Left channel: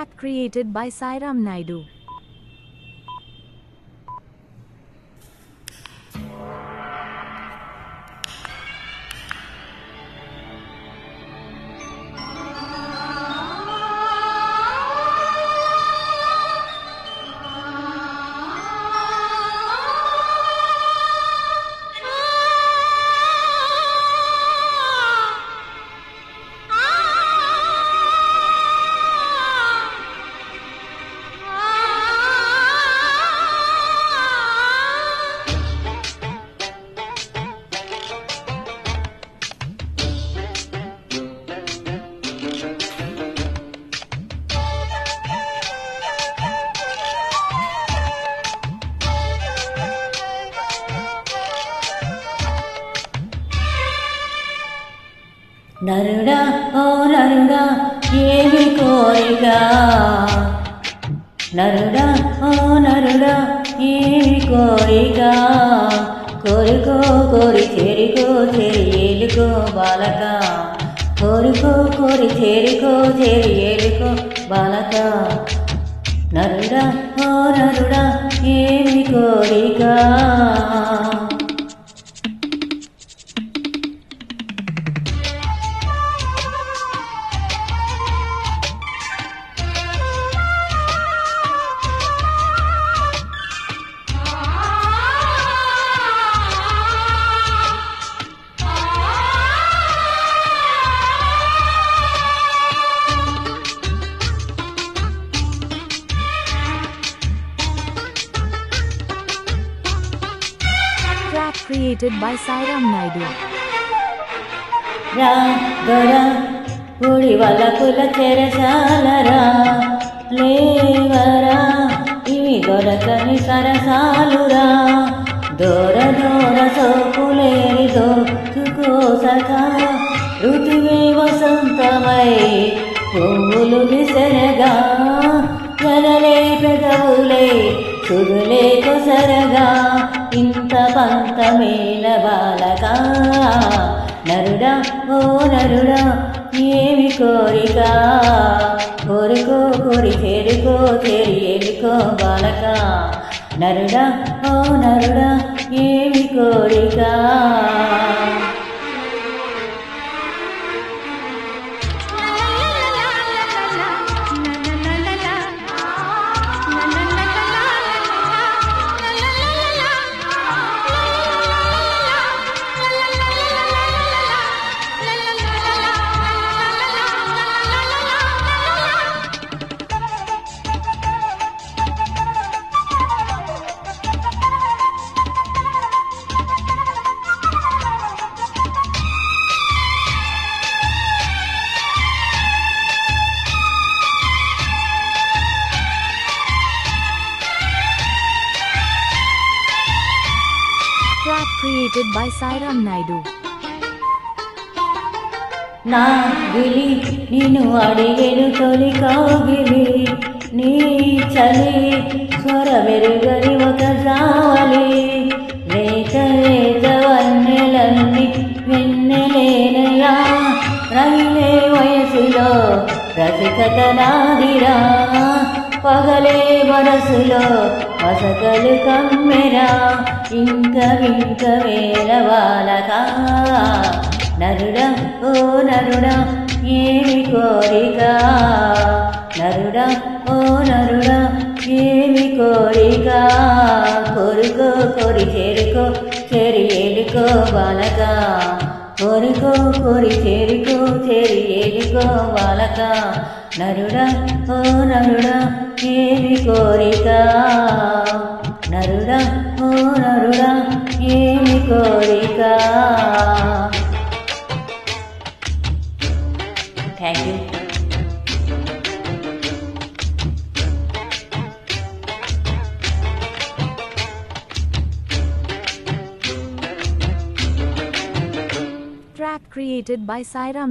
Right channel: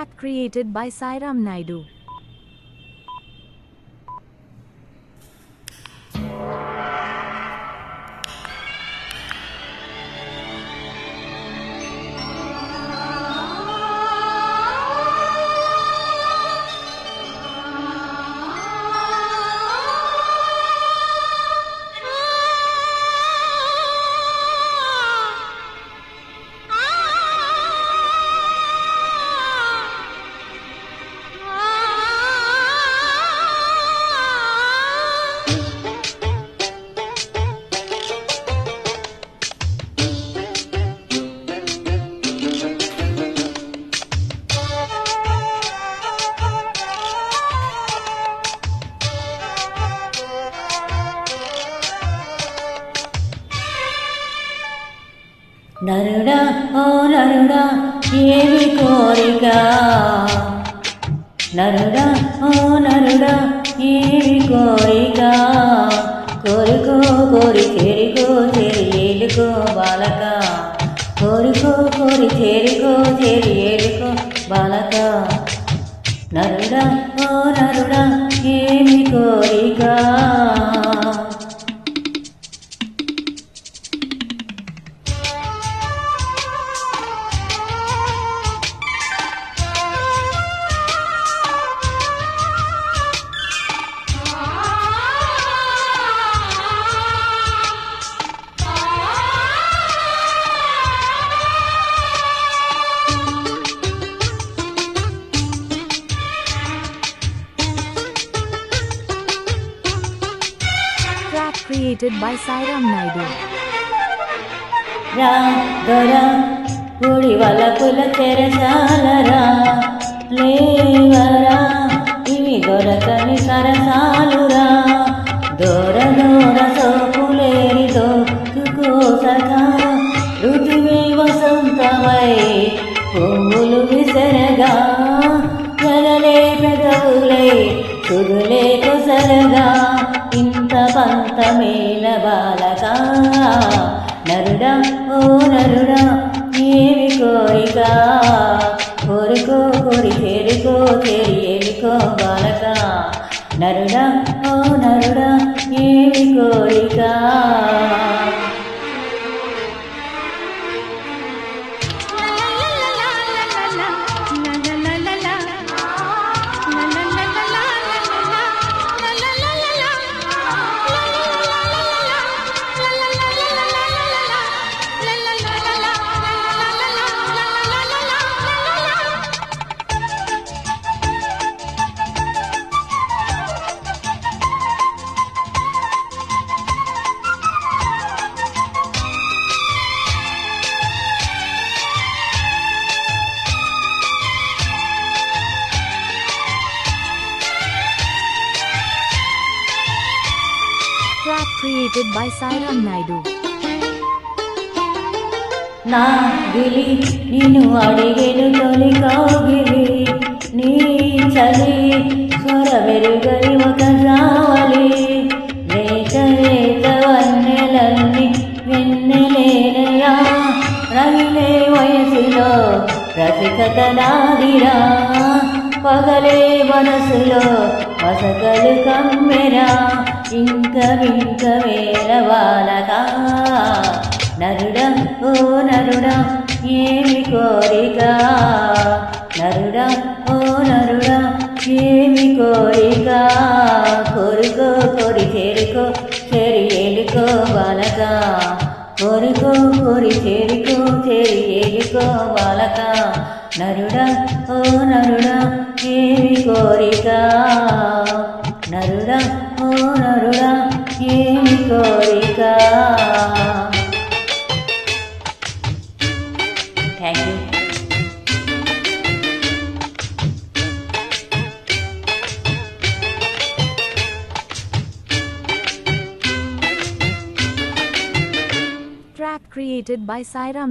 Track created by Sairam Naidu. నరుడా ఓ నరుడా ఏమి కోరిక, నరుడా ఓ నరుడా ఏమి కోరిక, కోరుకో కోరి చేరుకో చేరి ఏలుకో బాలక, కోరుకో కోరి చేరుకో చేరి ఏలుకో బాలక, నరుడా ఓ నరుడా ఏమి కోరిక. Track created by Sairam Naidu. రా గోరా పూడి వాళ్ళ పుల చెరసాలరా, లేవరా ఇవి దొరకని సరసాలురా, దూర దూర సోపులేని దోచుకోసగా, ఋతువే వసంతమై పువ్వులు విసరగా, ఎదలే పెదవులే సుదులే కొసరగా, ఇంత పంతమేల బాలక, నరుడా ఓ నరుడా ఏమి కోరిక, కోరుకో కోరి చేరుకో చేరి ఏలుకో బాలక, నరుడా ఓ నరుడా ఏమి కోరిక. Track created by Sairam Naidu. నా గిలి నిన్ను అడిగెను తొలి కౌగిలి, నీ చలి స్వర వెరుగని ఒక జావలి, రేత రేత వన్నెలన్నీ వెన్నెలేనయా, రగిలే వయసులో రసికత నాదిరా, పగలే మనసులో వసకలు కమ్మెరా, ఇంక వింక వేల బాలక, నరుడా ఓ నరుడా ఏమి కోరిక, నరుడా ఓ నరుడా ఏమి కోరిక, కోరుకో కోరి చేరుకో చేరి ఏలుకో బాలక, కోరుకో కోరి చేరుకో చేరి ఏలుకో బాలక, నరుడా ఓ నరుడా ఏమి కోరిక, నరుడా ఓ నరుడా ఏమి కోరిక. Thank you. Track created by Sairam